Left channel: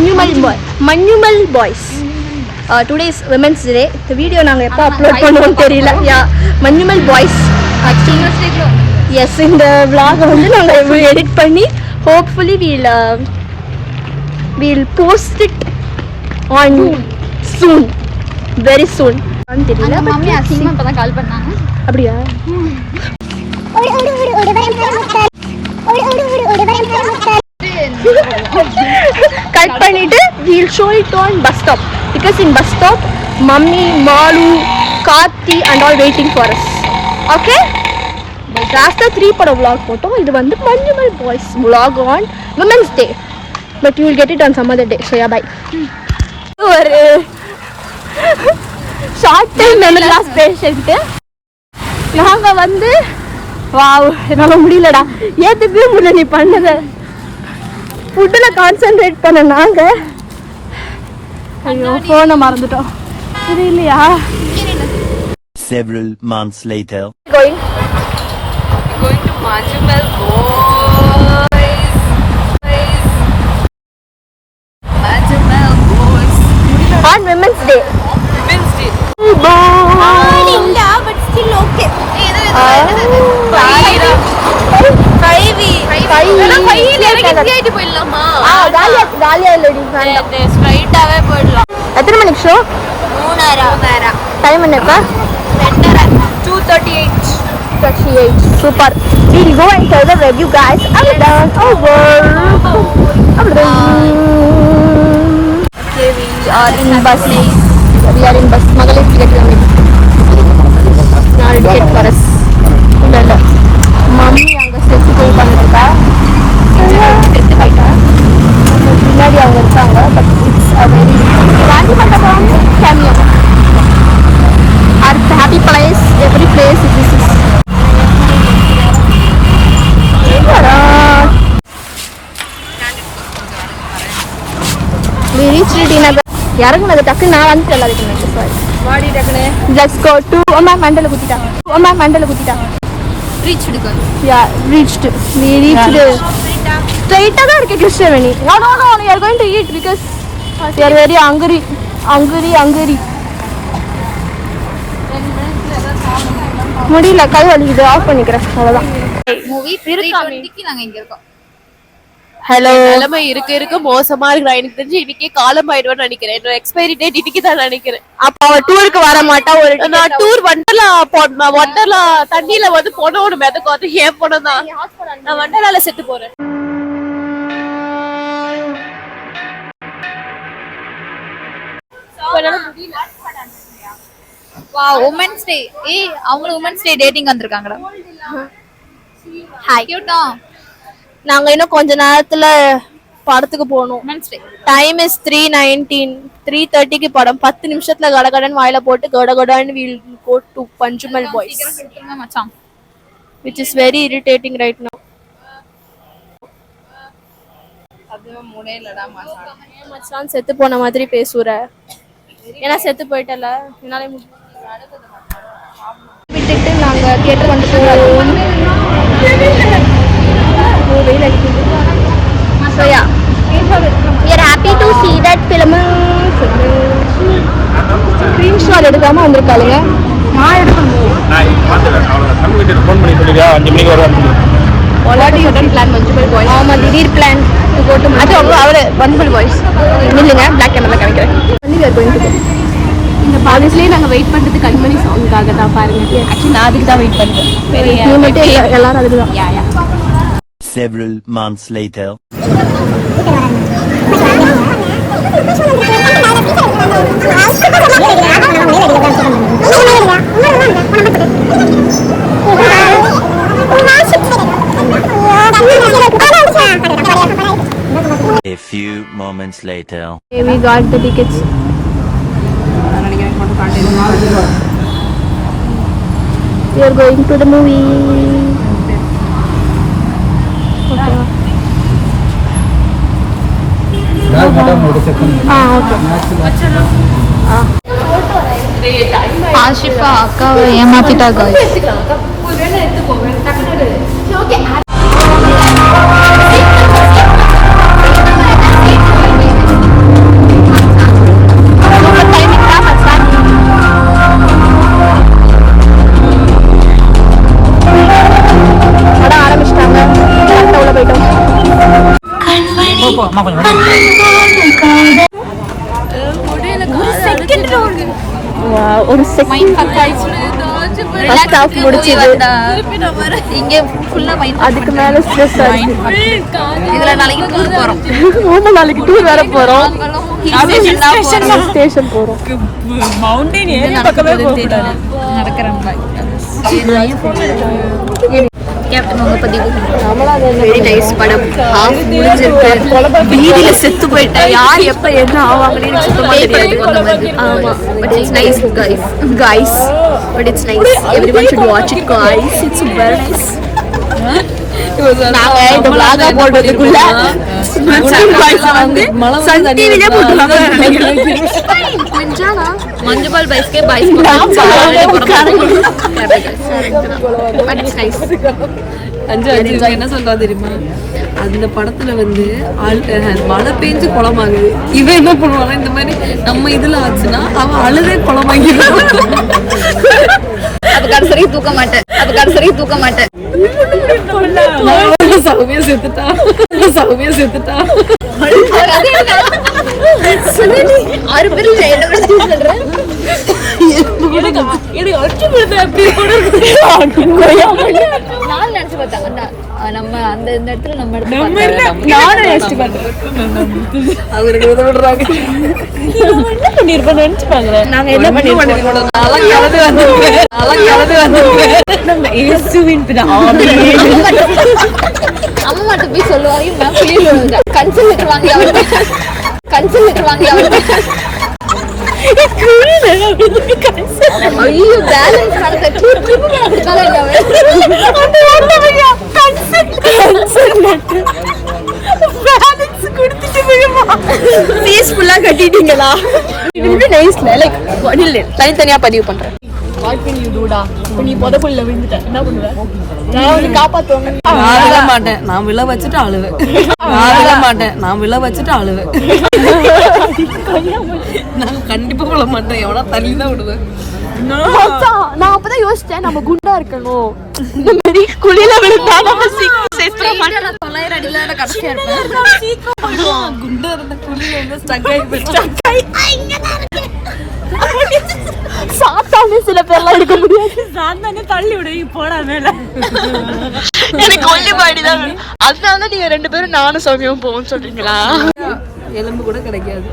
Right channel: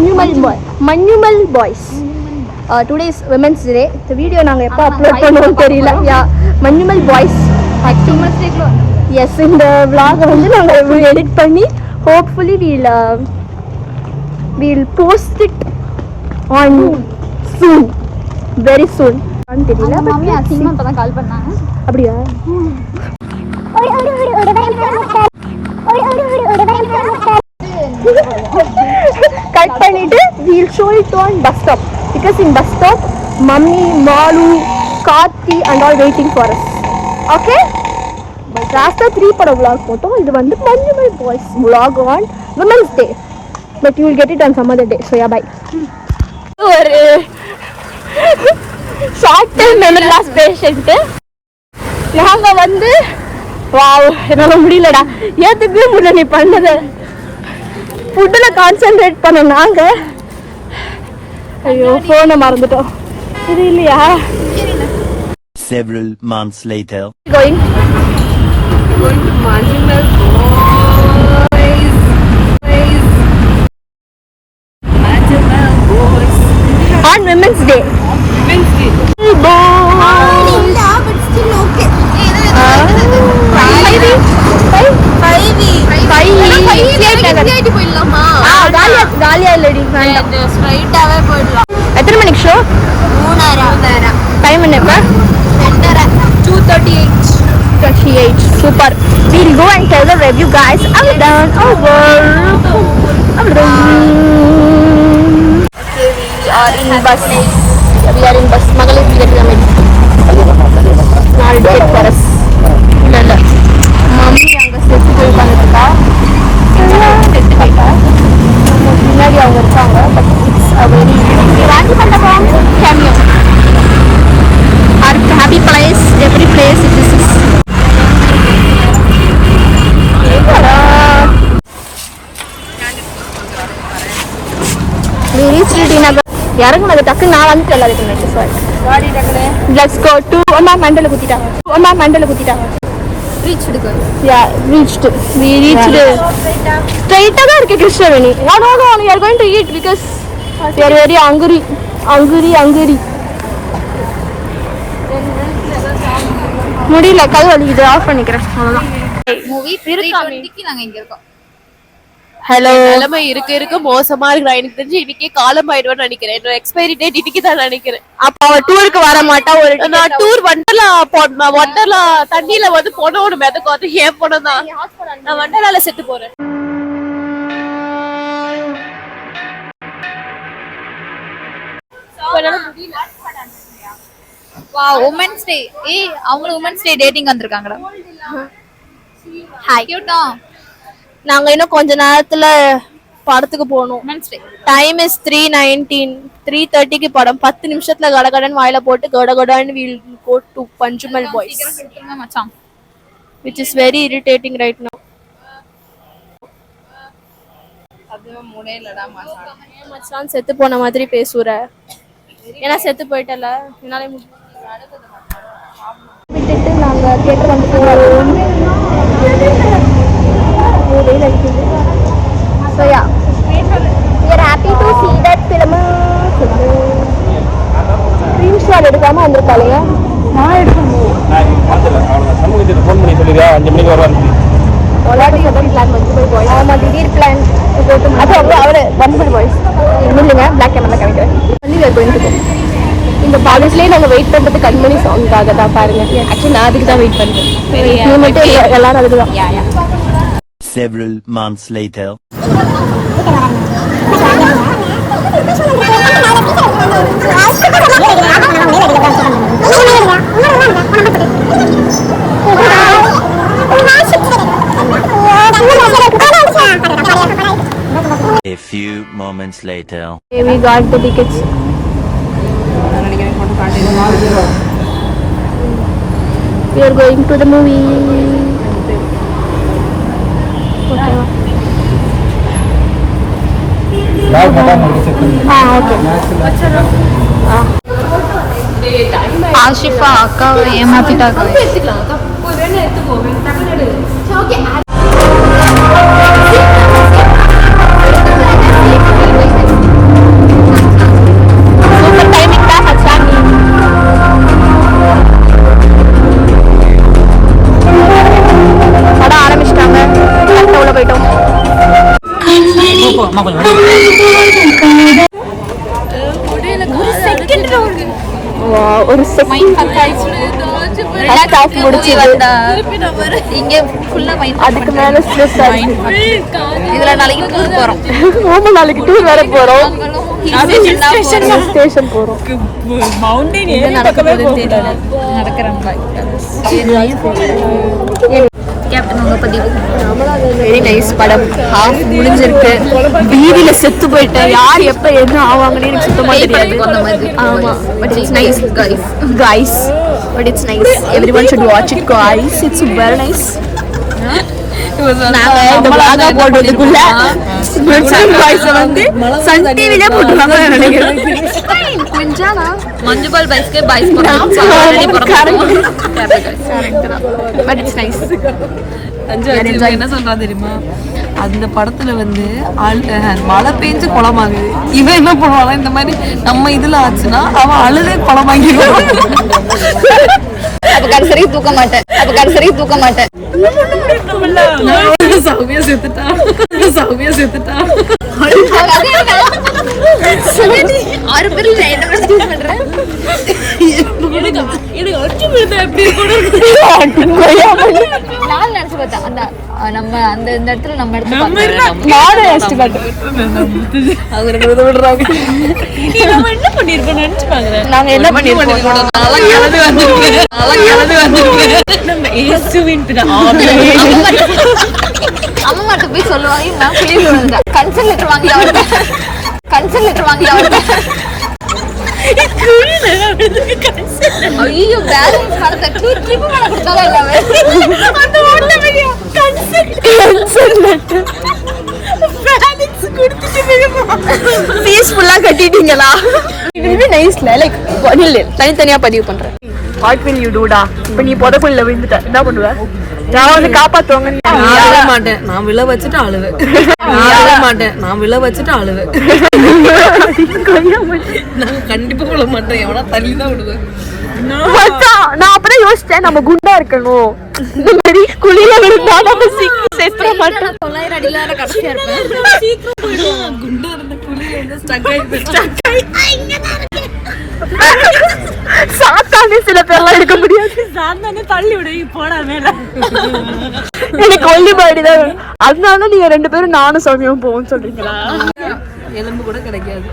Manumal Boys. Today is Women's Day. The video நாங்க எப்போ upload பண்ணுவோம் தெரியல. Manumal Boys. Yes, இந்த vlog வந்து நாங்க edit பண்ணி hopefully we'll post it on soon. Very soon. தெரியல பட் அப்பதான் கால் பண்ணாங்க. அப்படியே கட் பண்ணிட்டு we'll show it on bus stop because in bus stop mummy malu karthi and all waiting for us. Okay, last 3 பட vlog போட்டோம். இது வந்து Manumal Boys vlog on Women's Day, but you will get it on some other day. So yeah, bye. ஒரு short time memory loss patient நாங்க வந்து wow என்னால முடியலடா ஏத்துக்கவே முடியல நீ பண்ணத ஃபுட்ல கான்சென்ட்ரேட் பண்ண நாங்க ஐயோ போனை மறந்துட்டோம் புரியலையா. Several months later going to Manumal Boys. Manumal Boys on Women's Day. Women's Day. Illa but still okay. காலியா இல்லடி ஸ்ட்ரைட்டாவே போயிடலாம். எத்தனை மணிக்கு ஷோ? 3:30. டைம் என்னப்பா? 2:38. Super. We'll go and tell the review guys. I'm done. We are in bus. Magalam ticket coming. Small ticket for us. And mummy அங்க செத்து போய் பண்ணிட்டா. செத்து போயிட்டா. முன்னாடி அவங்க வச்சாங்க. அது வாட்ச் பண்ணலாம். Cameo. Our happy place. Every place is this. இறங்குனாங்க டக்கு நான் வந்து சொல்லாதீங்க. Let's go to அம்மா மண்டல குத்திட்டாங்க. ரீச் எடுக்க. Yeah, reached. We reached. Straight தான் இருக்கு Krishnaveni. No, we are going to eat because we are very hungry. முடியல கை வந்து ஆஃப் பண்ணிக்கிறேன் அவ்வளவுதான். மூவி 3:20க்கு நாங்க இங்க இருக்கோம். ஹலோ நிலைமை இருக்க மோசமா இருக்கு. எனக்கு தெரிஞ்சு இன்னைக்கே காலம் ஆயிடுவேன்னு நினைக்கிறேன். என்னோட எக்ஸ்பைரி டேட் இன்னைக்கு தான் நினைக்கிறேன். அப்ப அவ டூருக்கு வர மாட்டா. நான் டூர் வண்டர்லா தண்ணியில வந்து போன ஒரு மெதக்கும். அது ஏன் போனதான் நான் வண்டர்லால செத்து போறேன். Women's day. அவங்க உமன்ஸ் டே டேட்டிங் வந்திருக்காங்கடா. ஹாய் கியூட்டா. நாங்க இன்னும் கொஞ்ச நேரத்துல படத்துக்கு போகணும். Women's day time is 3:19. 3:30க்கு படம். 10 நிமிஷத்துல கடகடன் வாயில போட்டு கடகடன் we'll go to Manumal Boys, மச்சான், which is very irritating right now. அதுவும் முடியலடா மச்சான் செத்து போன மாதிரி பேசுற. ஏன்னா செத்து போயிட்டல என்னால விட்டுட்டு நாங்க தியேட்டர் வந்துட்டோம். So yeah, we are happy to see that film. Screenshot எடுக்காம வந்திருக்காங்க. What do you think? ஆமா திடீர் பிளான். அது அவரு Manumal Boys இல்லைங்க Black Camera காமிக்கிறேன். இந்த பாலிஸ்லயே நாங்க வெயிட் பண்றது கண்மணி சாங்காக தான் பாருங்க. ஆக்சுவலி நான் அதுக்கு தான் வெயிட் பண்றேன். நீ மட்டும் எல்லாரும் அதுக்கு தான். யா Several months later a few moments later we got the tickets. We are going to the movie. Ashifa அக்காவை ஏமாத்திட்டாங்க. ஒரு மைண்ட் பக்காயிச்சு ரிலாக்ஸ் மூவி வந்தா இங்க ஃபுல்லா மைண்ட் அதுக்கு மேல ஸ்ட்ரெஸ் இதுல நாளைக்கு டூர் போறோம். ஆமா நாளைக்கு டூர் வேற போறோம். ஸ்டேஷன் போறோம். மவுண்டன் ஏறி பக்கமே போகக்கூடாது. நடக்கிறோம். கேப்டன் உங்க பதிவு. வெரி நைஸ் படம். ஹாஃப் முடிஞ்சிருக்கு. வீதியில செத்து போயிட்டேன். யார் எப்ப என்ன ஆவாங்கன்னு சுத்தமா தெரியாது. அந்த மாதிரி. ஆமா. But it's nice guys. But it's nice. Everyone should watch it guys. It's very nice. மஞ்சுபால் பைஸ்க்கே பாய்ஸ் போறோம். ஆல்ரெடி போறோம். என்ன சொல்றா தெரியுமா, அந்த படத்துல வந்து மழை பெஞ்சு குளமாகுது. இவன் என்ன பண்ணுவாங்க, இந்த மாதிரி நம்ம இதுல ஆச்சுன்னா அவன் அழுதே குளமாகிடுவான். அப்ப கடைசி தூக்க மாட்டேன். சௌமியா செத்துட்டான். 6 பேர் என்ன சூஸ் பண்றேன். நான் நினைச்சு பார்த்தேன் நம்ம அந்த இந்த இடத்துல நம்ம என்ன பண்ணிருப்போம் நினைச்சு பாக்குறேன். நாங்க என்ன பண்ணிருப்போம்? அம்மா மட்டும் போய் சொல்லுவாங்க நான் புளியில விழுந்தேன். கன்சல் லெட்டர் வாங்கி ஐயோ பேலன்ஸ் வரத கிளிப் கொடுத்தாலும் அந்த ஓட்டமையா கன்சல் பேலன்ஸ் கொடுத்துட்டு போயுமா பீஸ்ஃபுல்லா கட்டிட்டீங்களா? இது நைஸ்ல லைக் தனித்தனியா பதிவு பண்றேன். வாட் வில் யூ டூடா? இப்ப நீ புதக்குள்ள விழுந்துட்ட என்ன பண்ணுவ? நான் வந்து காப்பாத்துவாங்க. நான் விழ வச்சுட்டு அழுவேன். நான் கண்டிப்பா விழ மாட்டேன். எவனா தள்ளி தான் விடுவேன். நான் அப்பதான் யோசிச்சேன், நம்ம குண்டா இருக்கணும். இந்த மாதிரி குழியில விழுந்தா நம்ம சீக்கிரம் செத்துற மாட்டோம். 900 அடியில கடைசியா இருப்பேன். குண்டா இருந்த குழியில வந்து ஸ்டக் ஆகி சாத்தானே சில பேர்லாம் எடுக்க முடியாது. சாந்தானே தள்ளி விடு போடா மேல. எனக்கு ஒல்லி பாடி தான் வேணும். அதனாலதான் நீங்க 2 பேரும் நானும் சௌமியாவும் போவோம்னு சொல்றீங்களா? எலும்பு கூட கிடைக்காது.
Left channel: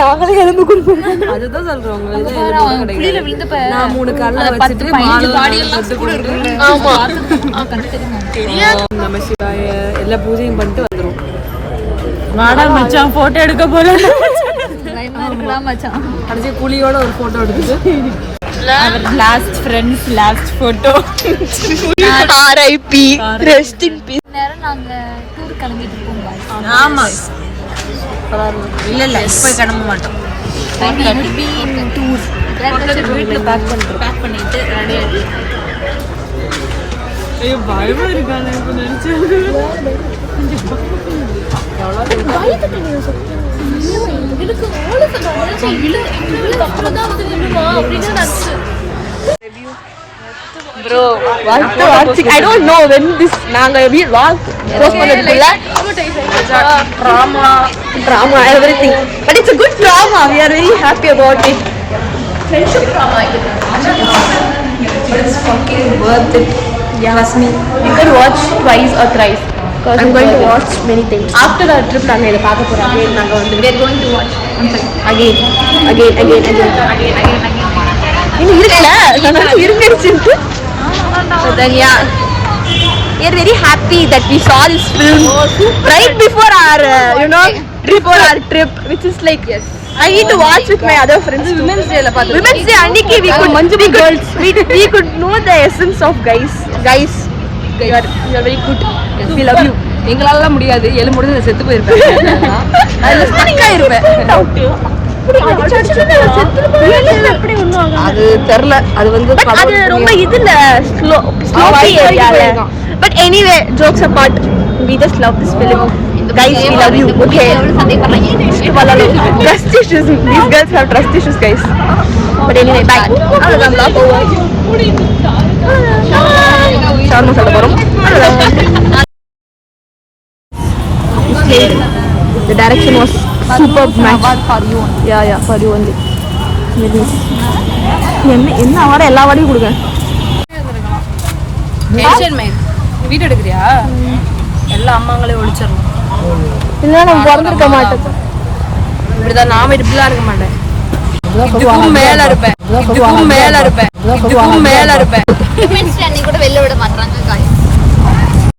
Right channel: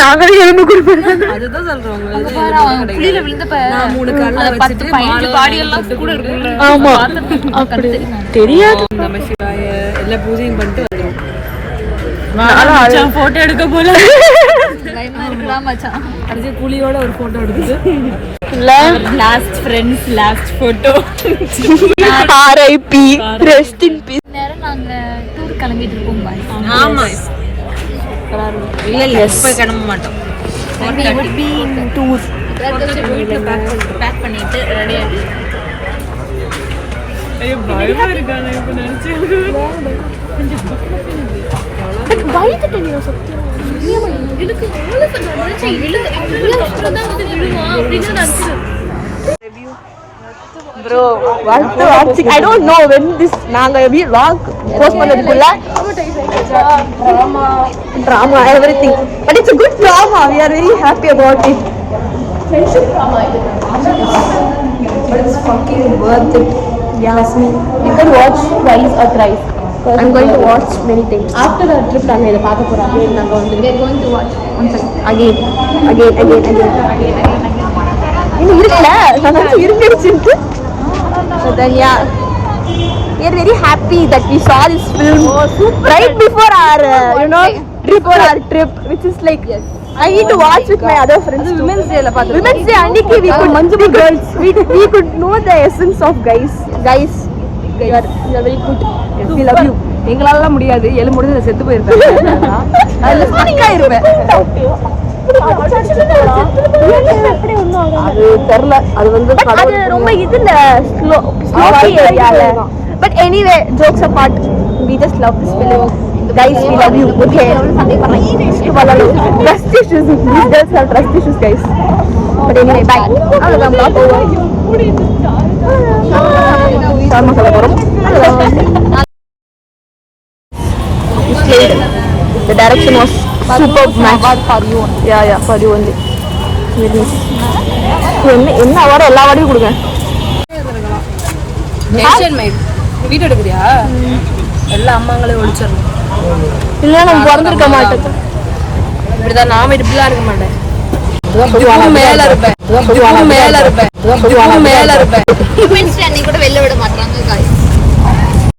நாங்களே எலும்பு கொடுப்போம். அதுதான் சொல்றவங்க. குளியில விழுந்தப்ப நான் 3 கால்ல 10 15 பாடி எல்லாம் கூட இருக்குங்க. ஆமா தெரியாது. நம்ம சிவாய எல்லா பூஜையும் பண்ணிட்டு வந்துரும். மச்சான் போட்டோ எடுக்க போல பயமா இருக்குடா மச்சான். கடைசி புலியோட ஒரு போட்டோ எடுத்துட்டு last friends last photo. RIP rest in peace. நேரம் நாங்க டூர் கிளம்பிட்டு இருக்கோம் பாய். ஆமா இல்ல இப்ப கிளம்ப மாட்டோம். டூர் பேக் பண்ணிட்டு ரெடியா இருக்கு. ஐயோ பயமா இருக்கானே இப்ப நினைச்சு. இதுக்கு மூல சொன்னாங்க இவ்வளவு அப்புறம் தான் வந்து விடுவா அப்படின்னு நினைச்சு. bro I don't know when this நாங்க vlog post பண்ணதுக்குள்ள drama everything, but it's a good drama. We are very happy about it. Friendship drama, but it's fucking worth it. Trust me. You can watch twice or thrice. I'm going to watch many things. After the trip நாங்க இத பார்க்க போறோம். நாங்க வந்து we are going to watch again. இன்னும் இருக்குல நான் இருந்துச்சுட்டு. So then yeah, we are very happy that we saw this film right before our before our trip, which is like I need to watch with my other friends too. Women's Day anniki we could know the essence of guys. You are very good. We love you. எங்களால முடியாது. எலு முடிஞ்சு செத்து போயிருப்பேன். அதுல stick ஆயிருப்பேன். அது ரொம்ப இதுல ஸ்லோப்பி ஏரியால. But anyway, jokes apart, we just love this film. Guys, we love you. Okay. Trust issues. These girls have trust issues, guys. But anyway, bye. அவ்வளவுதான் vlog over. சார்மா சொல்ல போறோம். அவ்வளவுதான். The direction was superb. For you. Yeah, for you only. என்ன award எல்லா அவார்டையும் கொடுங்க. Asian mile வீடு எடுக்கிறியா? எல்லா அம்மாங்களையும் ஒழிச்சிடணும். இல்லை நான் பிறந்திருக்க மாட்டேன். இப்படிதான் நாம இப்படிலாம் இருக்க மாட்டேன். இதுக்கும் மேல இருப்பேன், இதுக்கும் மேல இருப்பேன், இதுக்கும் மேல இருப்பேன். அன்னைக்கு கூட வெளில விட மாட்டாங்க.